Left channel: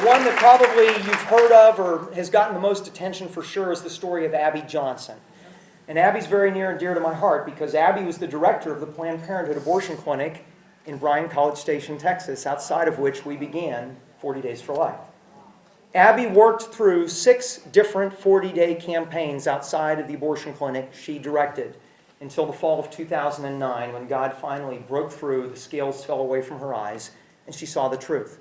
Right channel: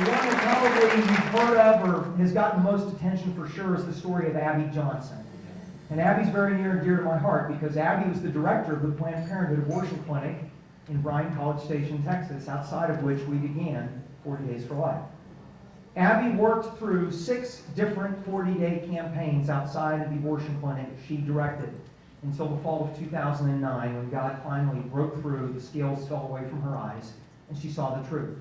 The one that probably you've heard of or has gotten the most attention for sure is the story of Abby Johnson. And Abby's very near and dear to my heart because Abby was the director of the Planned Parenthood abortion clinic in Bryan, College Station, Texas, outside of which we began 40 Days for Life. Abby worked through 6 different 40-day campaigns outside of the abortion clinic she directed until the fall of 2009 when God finally broke through, the scales fell away from her eyes, and she saw the truth.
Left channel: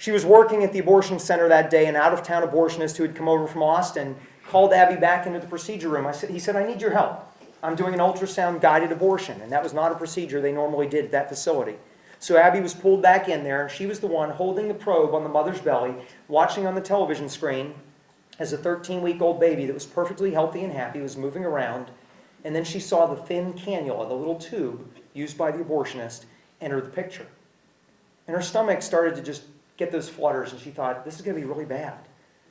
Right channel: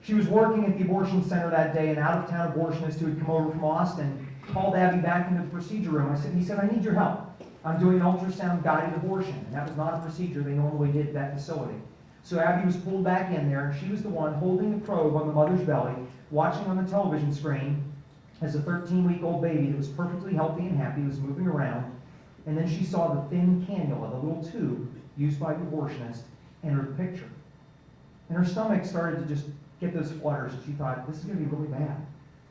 She was working at the abortion center that day, and an out-of-town abortionist who had come over from Austin called Abby back into the procedure room. He said, I need your help. I'm doing an ultrasound-guided abortion, and that was not a procedure they normally did at that facility. So Abby was pulled back in there, and she was the one holding the probe on the mother's belly, watching on the television screen as a 13-week-old baby that was perfectly healthy and happy was moving around, and then she saw the thin cannula, the little tube used by the abortionist, enter the picture. And her stomach started to just get those flutters, and she thought, this is going to be really bad.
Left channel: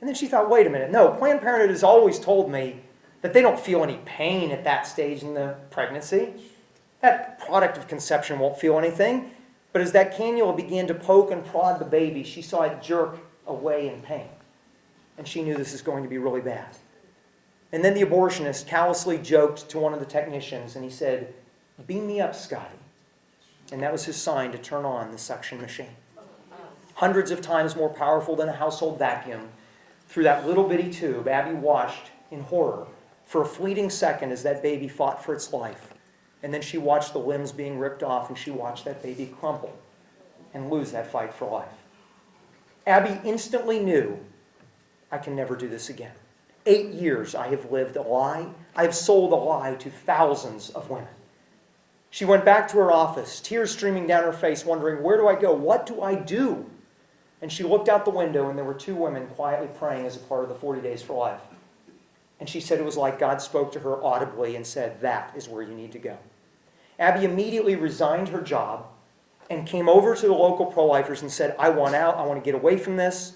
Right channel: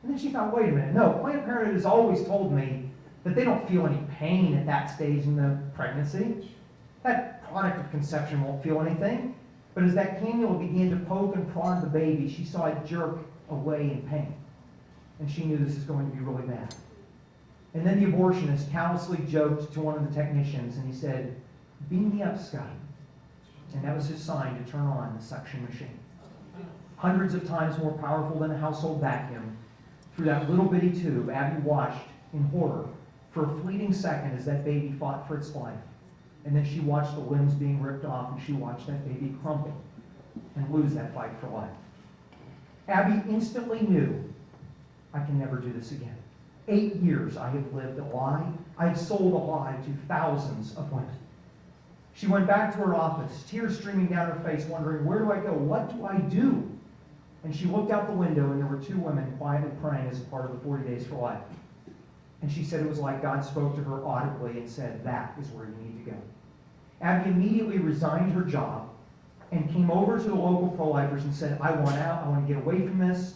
And then she thought, wait a minute, no, Planned Parenthood has always told me that they don't feel any pain at that stage in the pregnancy. That product of conception won't feel anything. But as that cannula began to poke and prod the baby, she saw it jerk away in pain. And she knew this is going to be really bad. And then the abortionist callously joked to one of the technicians, and he said, beam me up, Scotty. And that was his sign to turn on the suction machine. Hundreds of times more powerful than a household vacuum, through that little bitty tube, Abby watched in horror for a fleeting second as that baby fought for its life. And then she watched the limbs being ripped off, and she watched that baby crumple and lose that fight for life. Abby instantly knew, I can never do this again. 8 years I have lived a lie. I have sold a lie to thousands of women. She went back to her office, tears streaming down her face, wondering, where do I go? What do I do? And she looked out the window, and there were 2 women quietly praying as a part of the 40 Days for Life. And she said it was like God spoke to her audibly and said, that is where you need to go. Abby immediately resigned her job and came over to the local pro-lifers and said, I want out, I want to get away from this.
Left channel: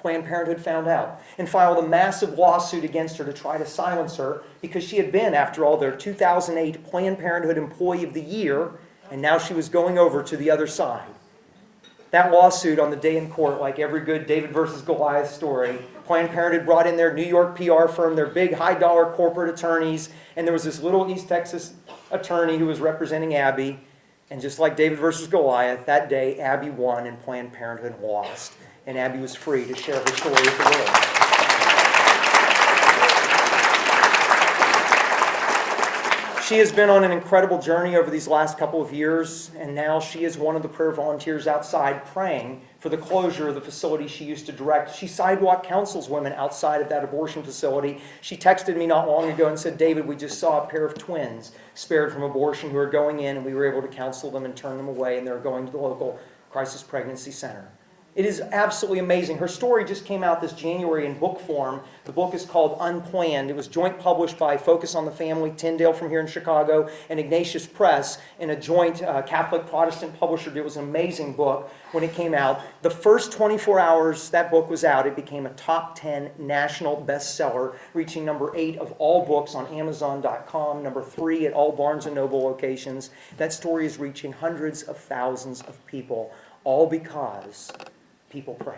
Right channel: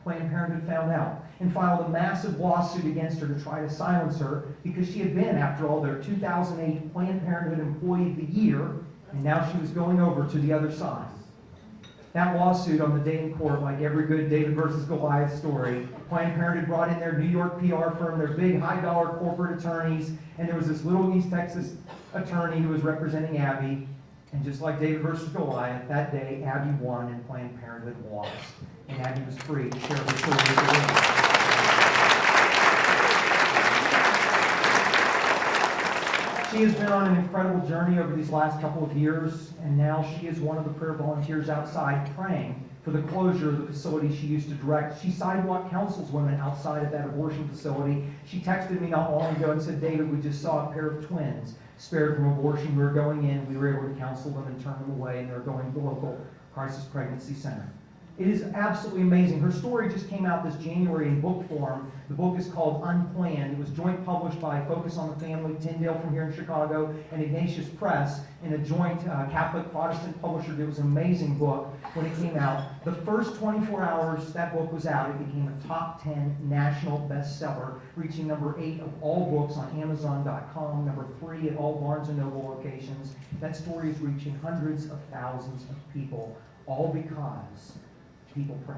Planned Parenthood found out and filed a massive lawsuit against her to try to silence her because she had been, after all, their 2008 Planned Parenthood Employee of the Year, and now she was going over to the other side. That lawsuit on the day in court, like every good David versus Goliath story, Planned Parenthood brought in their New York PR firm, their big high-dollar corporate attorneys, and there was this little East Texas attorney who was representing Abby. And just like David versus Goliath, that day Abby won and Planned Parenthood lost. And Abby was free to share her story with the world. She has been on an incredible journey over these last couple of years, and now she is one of the prayer volunteers outside praying for the closure of the facility she used to direct. She sidewalk counsels women outside of that abortion facility. She texted me not long ago and said, David, we just saw a pair of twins spared from abortion who are going in, and we were able to counsel them and turn them away, and they're going to the local crisis pregnancy center. It is absolutely amazing. Her story just came out this January in book form. The book is called Unplanned. It was joint published by Focus on the Family, Tyndale from here in Chicago, and Ignatius Press, in a joint Catholic Protestant publisher. It was an amazing book when it came out. The first 24 hours that book was out, it became a top 10 national bestseller, reaching number 8 of all books on Amazon.com, number 3 at all Barnes & Noble locations. That story is reaching hundreds of thousands of people, all because people pray.